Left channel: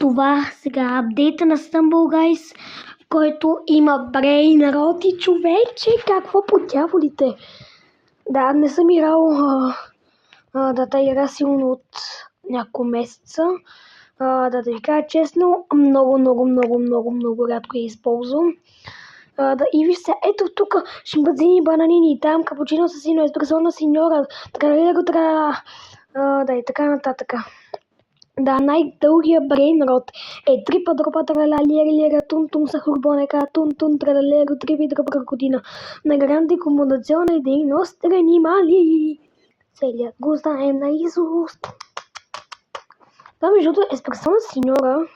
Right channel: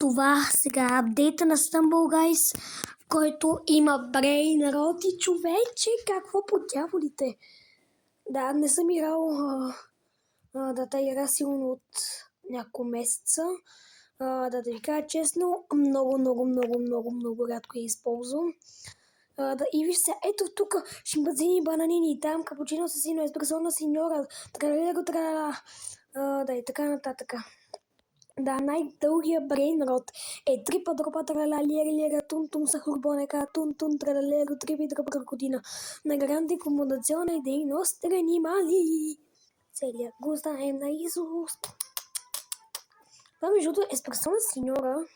Това сега апдейта на Stumble Guys, който има Brain Rot и човече, какво по дяволите. Да, не съм играл да игра силно от няколко месеца. Да ви кажа честно, много рядко я използвам. И вижте, ето тук шимпанзини, бананини, и там капучино асасино, еспресона синьора, да и така нататък. Да, най-дългия Brain Rot е трипа дропа трала лера тун сахурбонека тун тралалеро трипи дропа година на гранди комунационна дейност реанимали. Целият го знаем наизуст. Това между другото еспресона синьора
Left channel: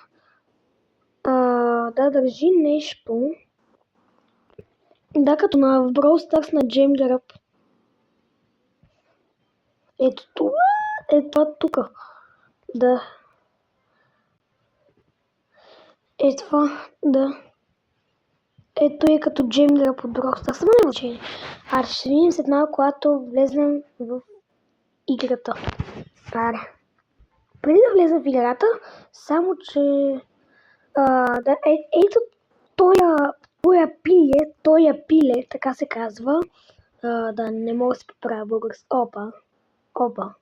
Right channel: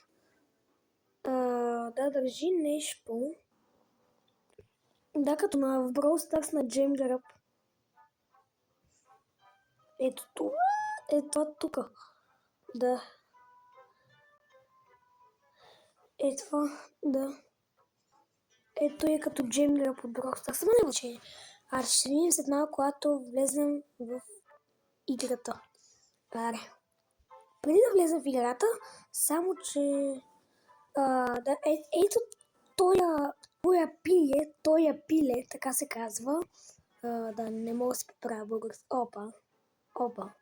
да държи нещо. Да, като в Brawl Stars на Джемгеръп. Ето това. Ето тук. Да. Ето това. Да. Ето е като Джемгеръп от Brawl Stars. Само не значение. Ще видим след малко, когато влезем в играта. Аре. Преди да влезем в играта, само че да, ето тоя пиле, така се казва. Да, не мога да се поправя български. Опа.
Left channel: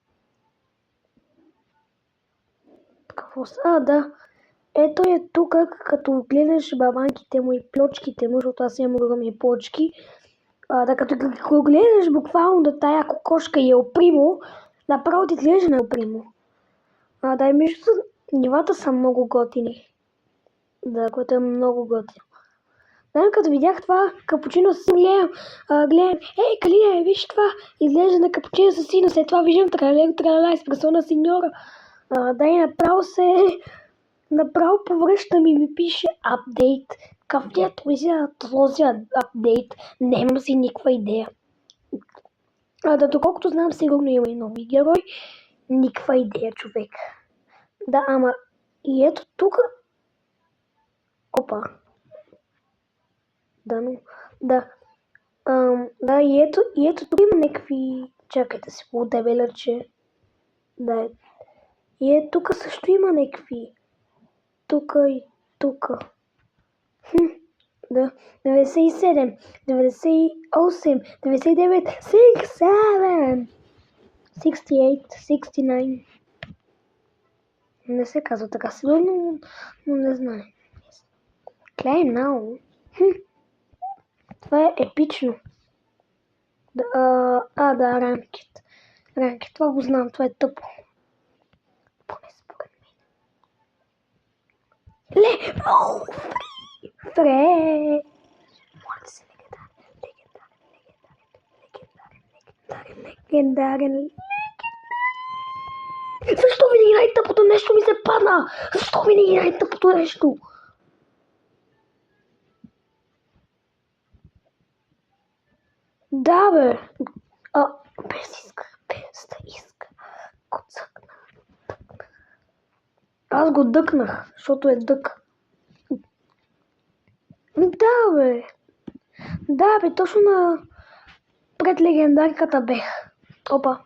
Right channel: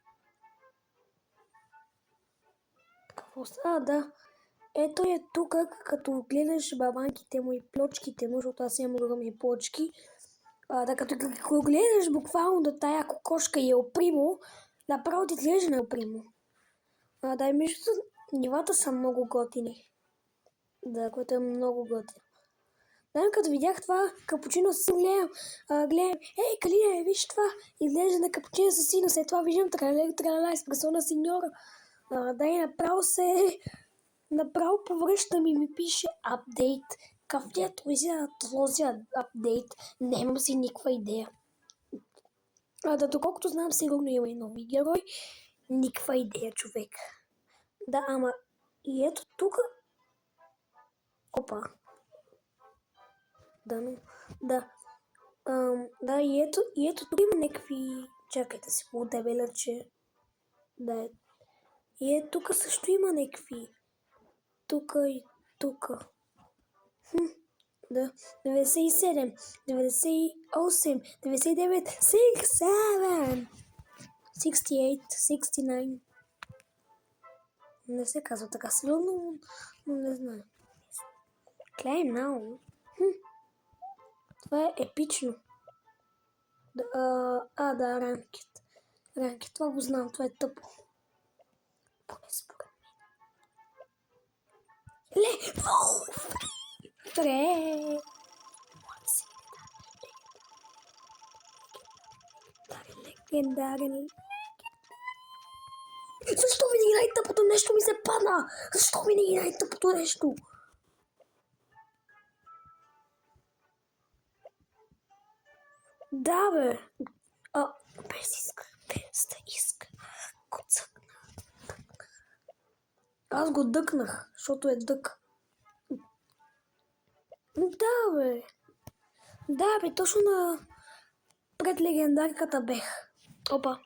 Какво става? Да. Ето е тук, като гледаш бабанките му и плочките му, защото аз имам огромни плочки. Да, като гледаш буквално да тая кокошка и Елпримо, направо ти гледаш на Елпримо. Да, и между нивата са много готини. Да, което е много готино. Да, като видях това капучино с гледам, Калина, виж това, изглежда на капучино с сино, след това виждам тралала, еспресона синьора. Да, и направо повръщам и ми пише апдейт. Какъв е този апдейт? Нямам си никаква идея. Да, доколкото знам, сигурно има и нови герой. Никаква идея, човек. Да, ама и ето тук. Опа. Да, но. Да. Да, и ето тук има някакви. Чакайте си, по-дебеля, че. Да. И ето тук също има някакви. Тук и тук. Да. 97, 98, 99, 67, 68, 69. Не се казва така сигурно, но не знам. Клей много. Това е епично. Да, ранкет. Ранкет, това го знам, това е тъпо. Поне според мен. Фре! Легендарен. Защо винаги най-тъпото нещо ми се падна? Защо винаги най-тъпото нещо? Да, бе. Без да иска. Коцъкна. Аз го дъкнах, защото е дък. Да, бе, точно пред легендарката бех. Опа.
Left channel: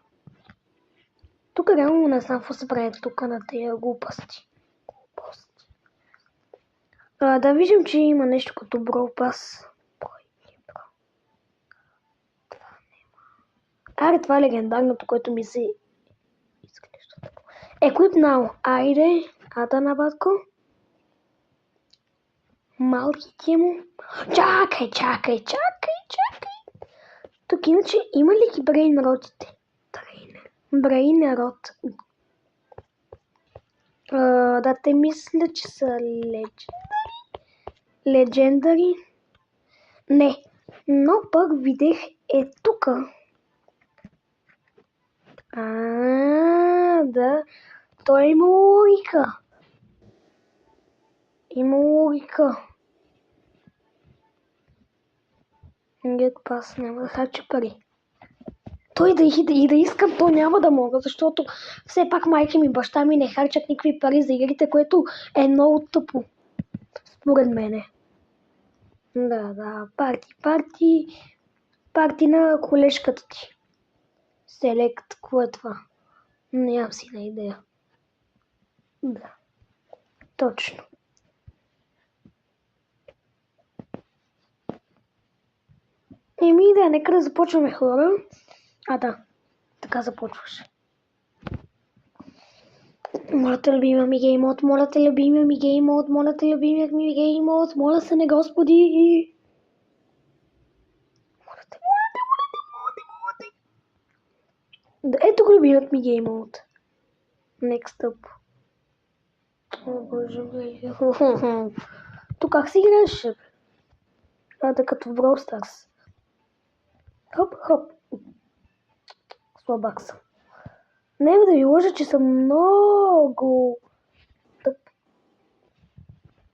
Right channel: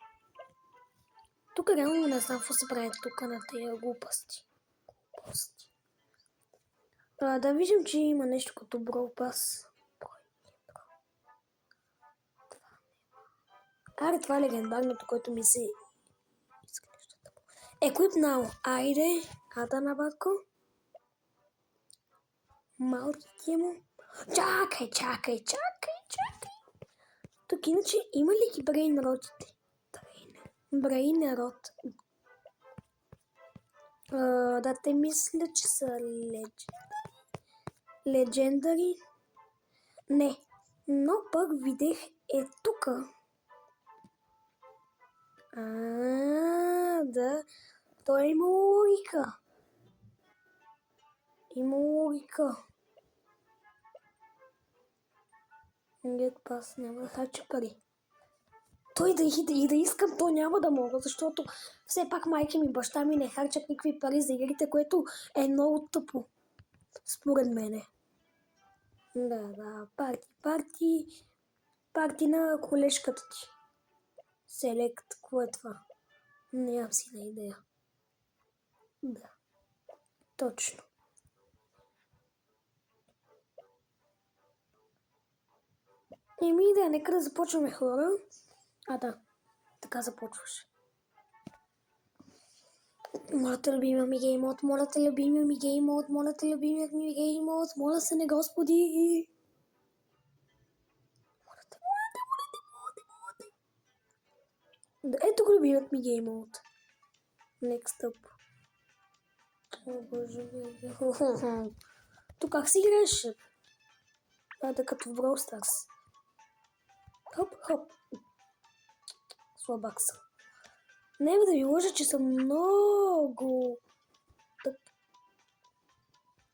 Тук реално не знам какво се прави тук на тези глупости. Да виждам, че има нещо като Brawl Pass. Аре, това е легендарното, което ми се изглежда. Equip now. Айде, на батко. Малките му. Чакай. Тук иначе има ли ги Brain Rotите? Brain Rot. Да, те мисля, че са Legendary. Не, но пък видях тук. Да, той има логика. Get pass, няма да хача пари. Той да искам, то няма да мога, защото все пак майка ми и баща ми не харчат никакви пари за игрите, което е много тъпо. Според мене. Да, парти на колежката ти. Селект, какво е това? Нямам си на идея. Да. Точно. Да, нека да започваме, хора. Да, така започваш. Моля те, любимия ми геймод, моля те, любимия ми геймод, моля те, любимия ми геймод, моля се не, Господи. Моля те. Ето го любимият ми геймод. Next up. О, боже мой. Тук как си играеш? Да, като в Brawl Stars. Хоп, хоп. Слабак съм. Няма да ви лъжа, че съм много тъп.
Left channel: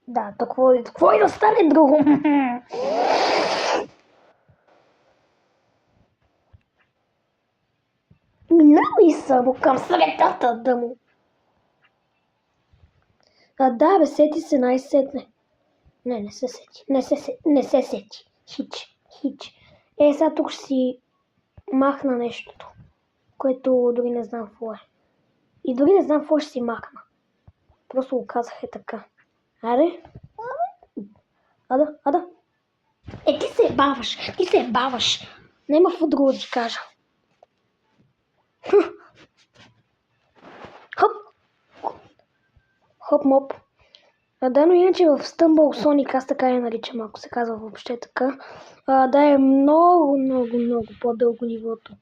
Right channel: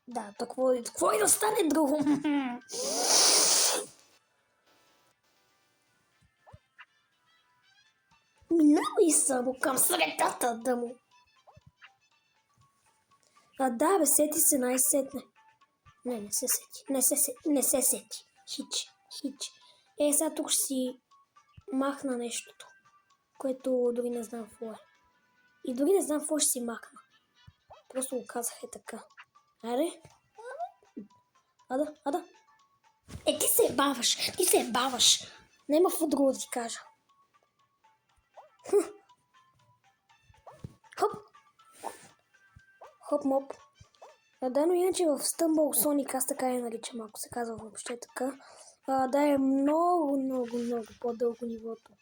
Да, какво и да стане друго? Минавай само към средата да му. Да, бе, сети се най-сетне. Не се сети. Не се сети. Хич. Сега тук ще си махна нещото, което дори не знам какво е. И дори не знам какво ще си махна. Просто го казах така. Аре? Ада. Ти се баваш. Нема какво друго да ти кажа. Хоп, моп. Да, но иначе в Stumble Sonic, аз така я наричам, ако се казва въобще така. Да, е много по-дълго нивото.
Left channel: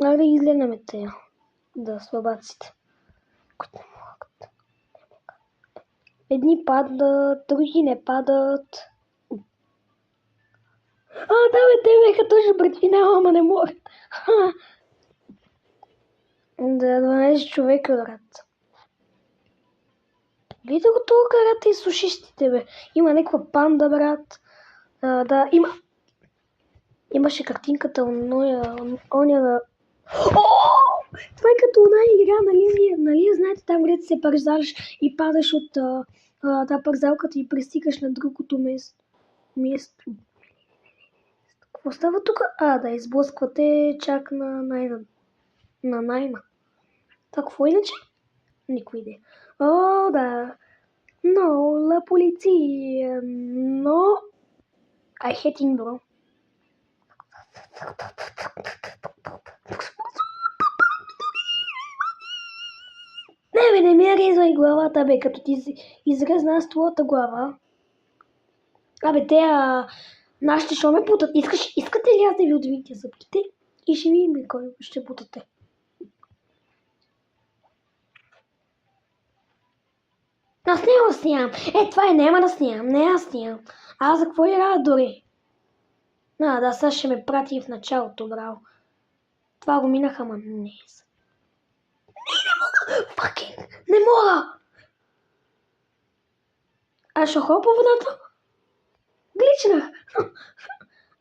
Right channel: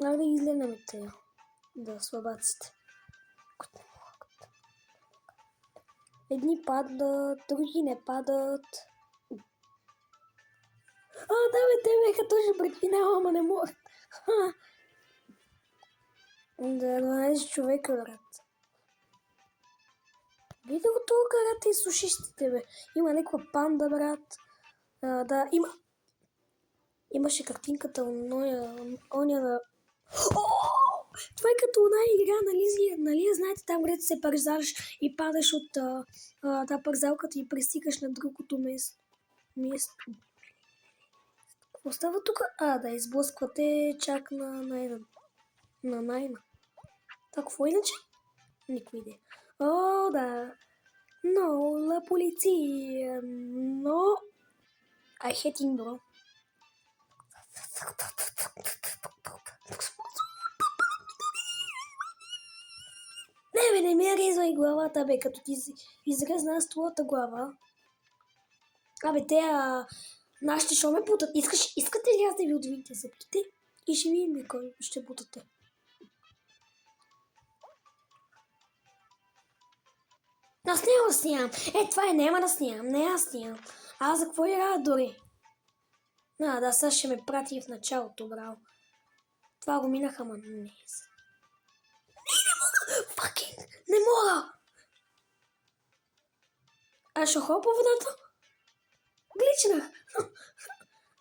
Да изгледаме те. Да, слабаците. Които не могат. Едни падат, други не падат. Да, бе, те беха точно пред финала, ама не могат. Да, 12 човека, брат. Видя го това карата и сушистите, бе. Има някаква панда, брат. Да, имаше картинката оня на... Това е като една игра, нали? Знаете, там където се парзалиш и падаш от тази парзалката и пристигаш на другото място. Какво става тук? Да, изблъсквате чак на найма. Какво иначе? Никой идея. Да. Но, la полиция. Но... I hate him, bro. Не ми резвай главата, бе, като ти изрезна аз твоята глава. Нашите шо ме путат. Искате ли аз да ви отвинете зъбките? И ще видим ли кой ще путате. Аз не го снимам. Това няма да снимам. Не аз снимам. Аз за какво играя дори? Да, сега ще ме прати в началото, браво. Това го минаха, ама не. Не мога! Факинг! Не мога! Ще хопа водата? Гличнах!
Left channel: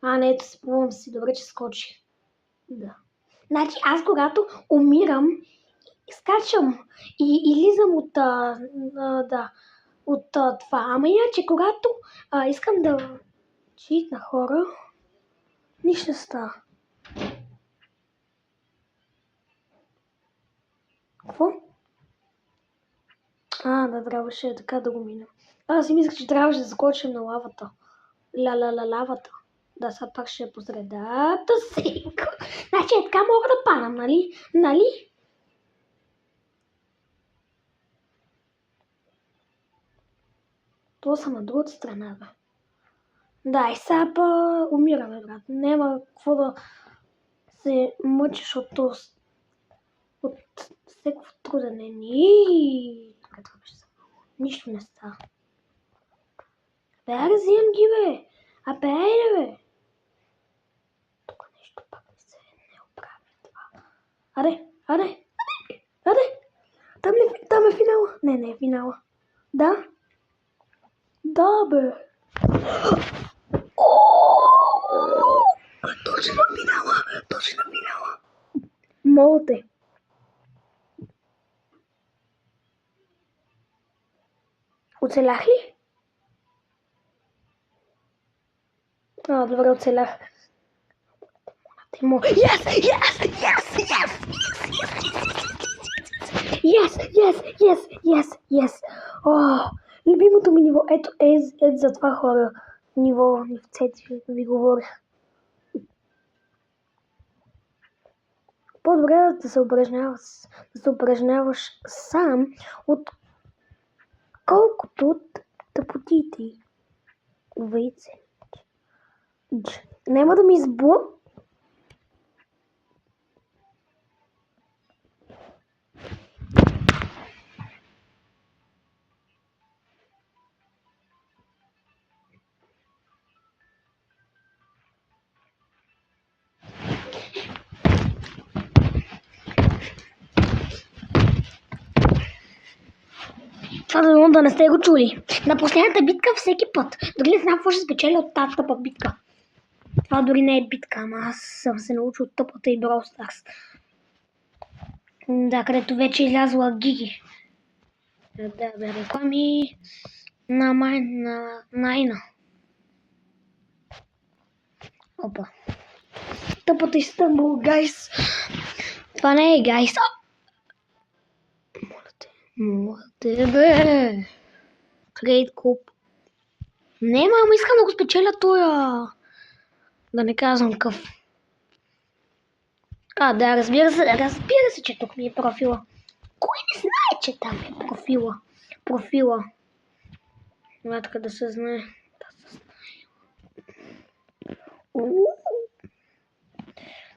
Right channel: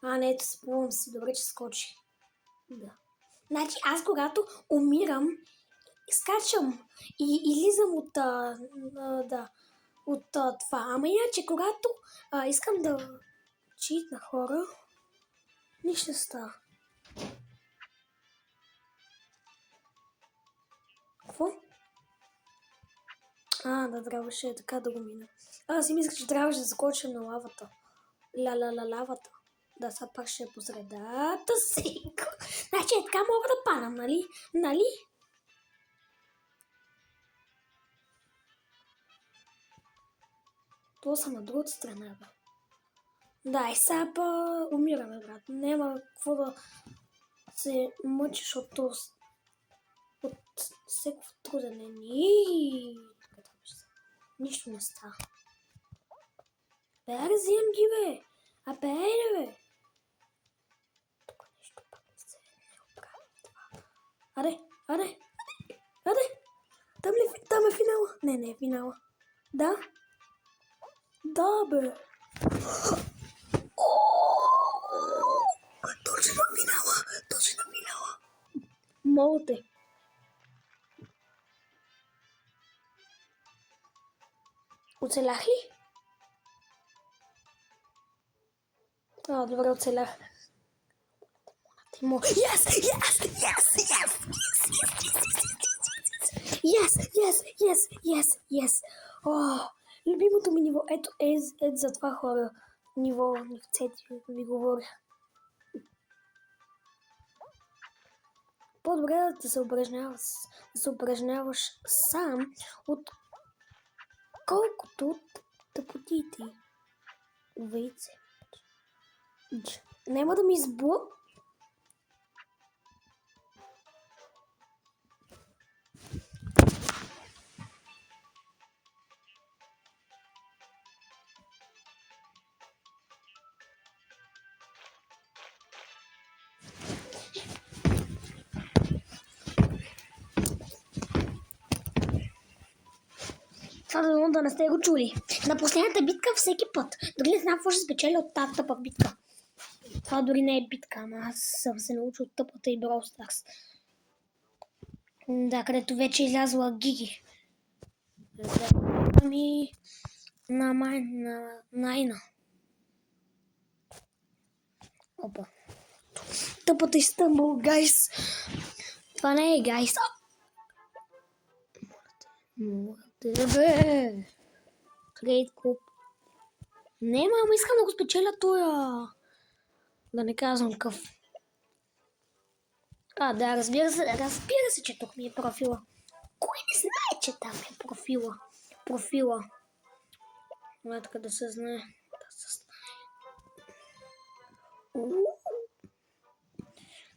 Не, ето спомням си. Добре, че скочих. Да. Значи аз когато умирам, скачам и излизам от това. Ама иначе, когато искам да читна хора, нищо не става. Какво? Да, трябваше така да го мина. Аз си мислех, че трябваше да скочим на лавата. Лавата. Да, сега пак ще е по средата си. Значи така мога да падам, нали? Това са на другата страна, бе. Да, и сега умираме, брат. Няма какво да се мъчиш от всеков трудене. Нищо не става. Взимам ги, бе. Айде, бе. Тук нещо пак не оправя това. Аре. Там е финала. Не е финала. Да? Да, бе. Точно финала. Моля те. Оцелях ли? Добре, оцелях. Yes! Yes. О, любимото ми ниво. Ето за това хора. Ниво в цвети ви говоря. По-добре да се упражняваш сам, отколкото тъпотите. Вейце. Няма да ми Това да не сте го чули. На последната битка всеки път. Дори не знам какво ще спечеля от тази тъпа битка. Това дори не е битка, ама аз съм се научил от тъпата и Brawl Stars. Да, където вече е излязла Гиги. Да реклами на Найна. Опа. Тъпата Истанбул, гайс. Това не е гайс. Моля бе. Трейд куп. Не, мама, искам да го спечеля тоя. Да не казвам къв. Да, разбира се, че тук ми е профила. Кой не знае, че там е профила? Ватка да се знае.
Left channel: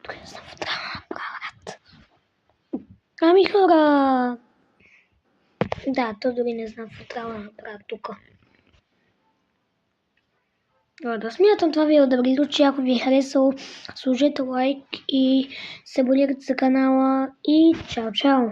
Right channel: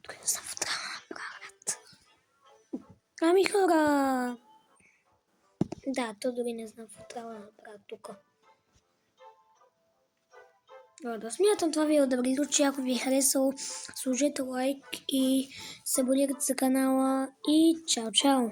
Тук не съм в трябва да направят. Ами хора. Да, то дори не знам какво трябва да направя тук. Да смятам това видео да ви звучи, ако ви е харесало, сложете лайк и се абонирайте за канала и чао!